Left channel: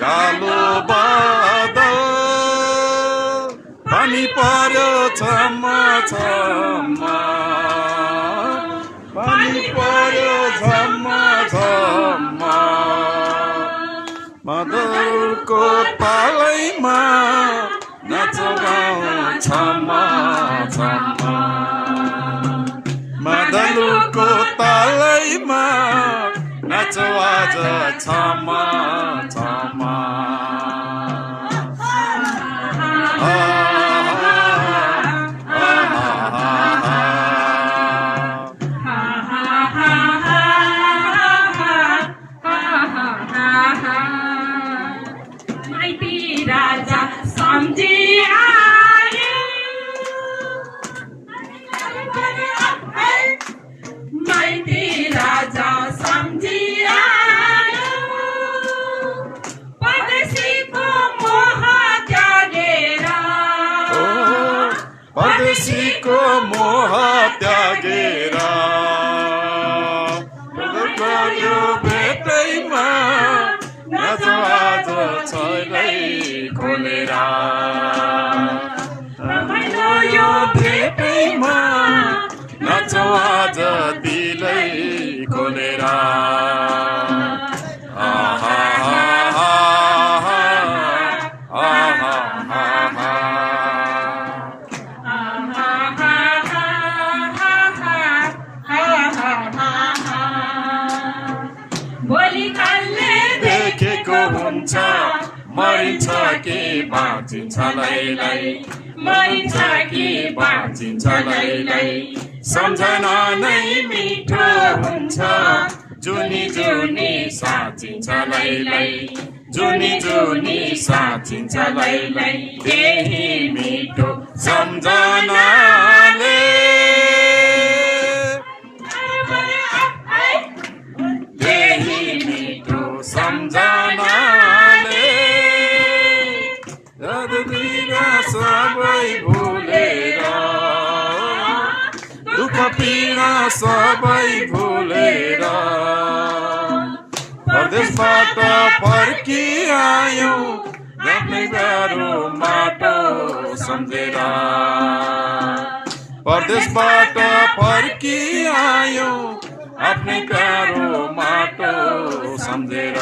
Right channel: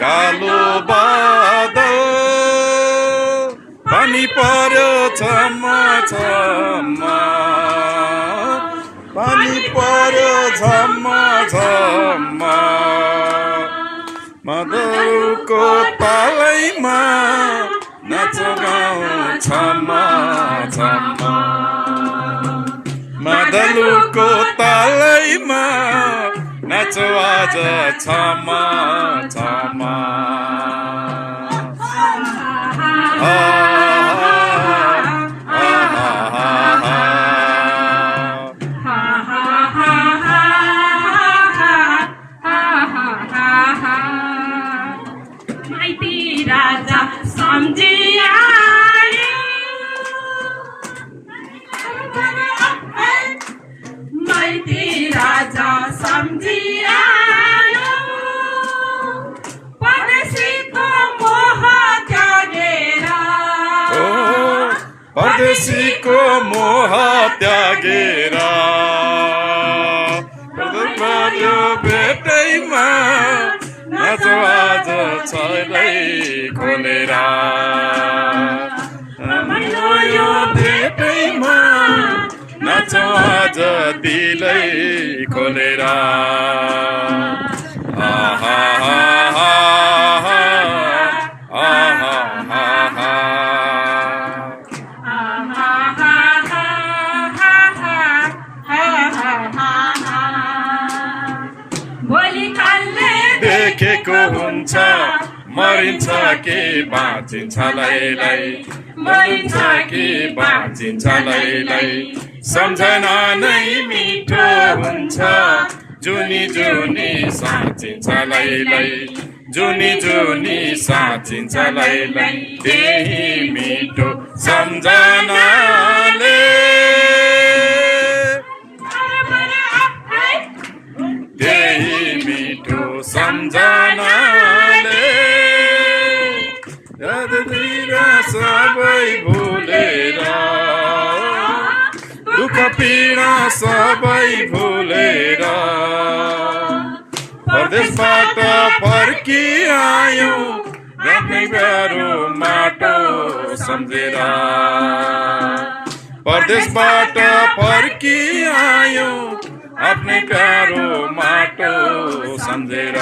कालो बादल पानी पर्यो छम्मा छम्मा पानी पर्यो छम्मा छम्मा मदलको तालैमा नाचो गाउँ छम्मा छम्मा मदलको तालैमा नाचो आज छम्मा छम्मा परदेशीको मोह त्यागेर पर्यो भेटैमा नाचो आज छैलै खोलेर यो भेटैमा नाचो आज दिलै खोलेर आहा देखेको हुन्छ मरिन्छ कि बाँचिन्छ लैलै मरिन्छ कि बाँचिन्छ लैलै सम्झना नै मिठो हुन्छ जुनी जुनी साँचिन्छ लैलै जुनी जुनी साँचिन्छ लैलै त्यही मिठो सम्झनाले सम्झनाले यादतिर सबै भुलेर दुःख पीडा सबै भुलेर परदेशबाट फर्किआयौ आफ्नै प्यारो माटो सम्झेर परदेशबाट फर्किआयौ आफ्नै प्यारो माटो सम्झेर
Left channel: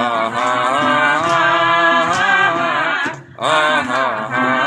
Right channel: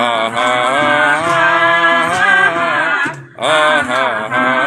आहा आहा